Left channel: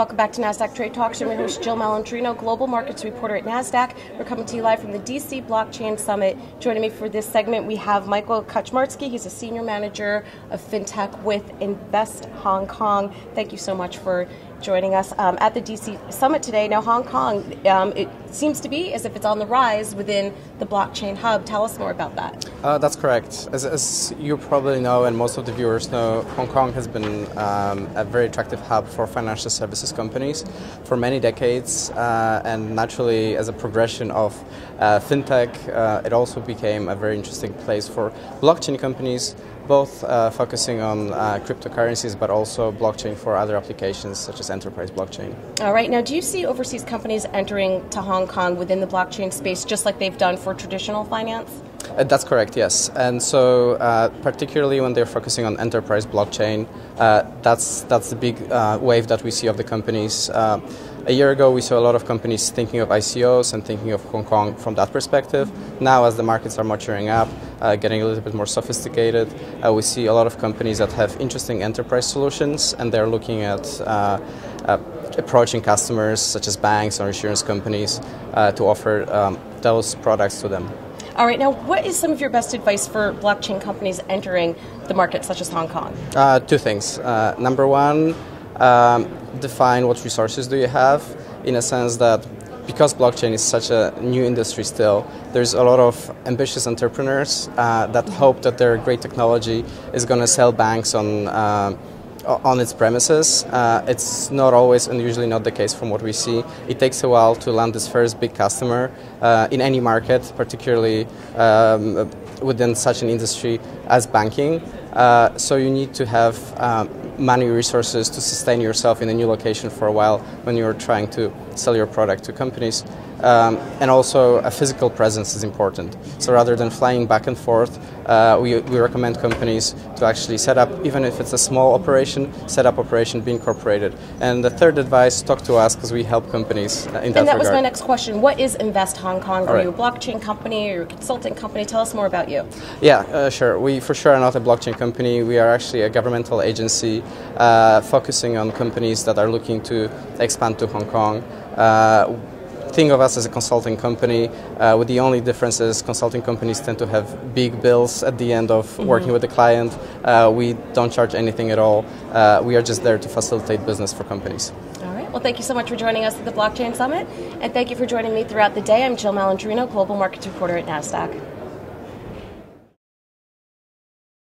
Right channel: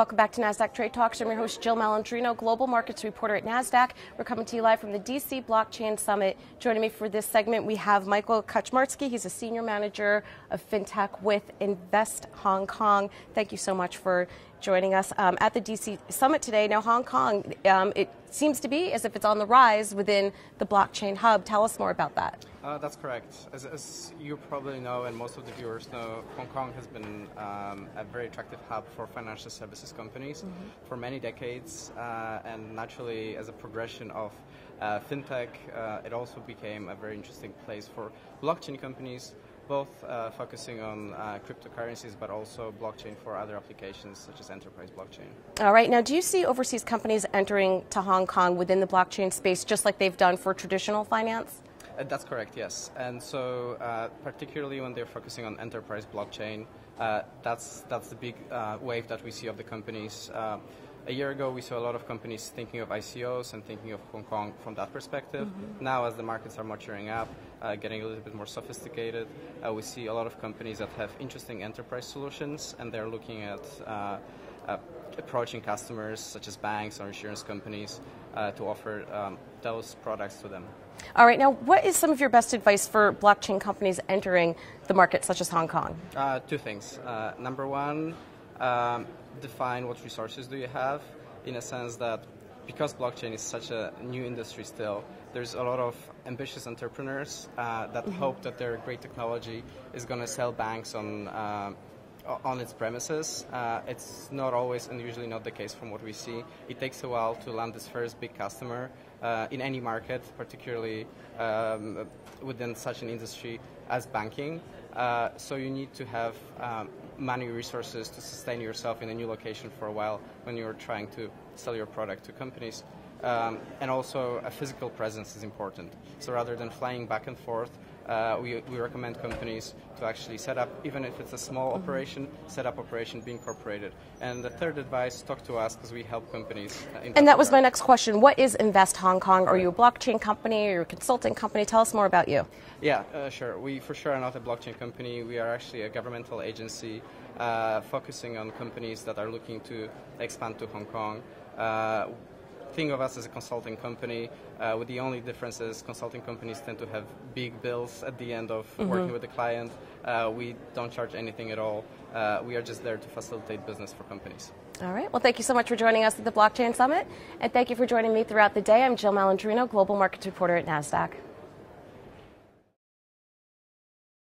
Welcome back to Nasdaq Trade Talks. I'm your host, Jill Malandrino, Global Markets Reporter at Nasdaq. We're coming to you live from the DC Blockchain Summit. Joining me for this segment, we have Michael Kaczmarski. He's a Senior Manager of FinTech with Invest Hong Kong. Thank you so much for joining us at the DC Summit today. Now, Hong Kong, it seems to be as if it's on the rise within the blockchain hub. Tell us more about that. That's correct. As you probably know, and most of the viewers know, Hong Kong has been a very attractive hub for financial services companies for many decades, and naturally, as a progression of fintech, it also became a very interesting place for blockchain companies, both focusing on cryptocurrencies, but also blockchain for other applications such as enterprise blockchain. All right. Now, do you see overseas companies entering to Hong Kong within the blockchain space, just like they've done for traditional finance? That's correct, yes. And so particularly when they're focusing on enterprise blockchain, that's the big wave that we see of the companies. A year ago, we saw a lot of companies thinking of ICOs and thinking of Hong Kong from that perspective. Now, as the markets are maturing up, getting a little bit more sophisticated, we see a lot of companies that have interesting enterprise solutions, and they're looking at approaching customers such as banks or insurance companies to offer those products to them. All right, now what is some of your best advice for blockchain companies entering the market such as Hong Kong? Two things. Number one, define what resources do you have, in a sense that because blockchain is such a new industry still, there's a lot of ambitious entrepreneurs that hope that their great technology is going to sell banks on its premises. It's not always and usually not the case from what we see. It takes a while to land this first big customer in any market, particularly within such an industry as banking. So you need to have money resources to sustain yourself in a new location for a while when you're trying to sell your product to companies. And also a physical presence is important. So rather than flying back and forth, we recommend companies to actually set up, even if it's a small operation, set up operation, be incorporated. And the third advice, talk to us because we help companies in that regard. And that was my next question. What is Invest Hong Kong? Are you a blockchain company or a consulting company? Tell us more about you. Yeah, sure. We for sure are not a blockchain company. We are actually a governmental agency focusing on companies that are looking to expand to Hong Kong. Think of us as a consulting company, with the only difference is consulting companies tend to have big bills at the end of working with the client. We don't charge anything at all. We are just there to facilitate business for companies. All right. Well, thank you so much for joining us at the Blockchain Summit, and thank you for joining me throughout the day. I'm Jill Malandrino, Global Markets Reporter at Nasdaq.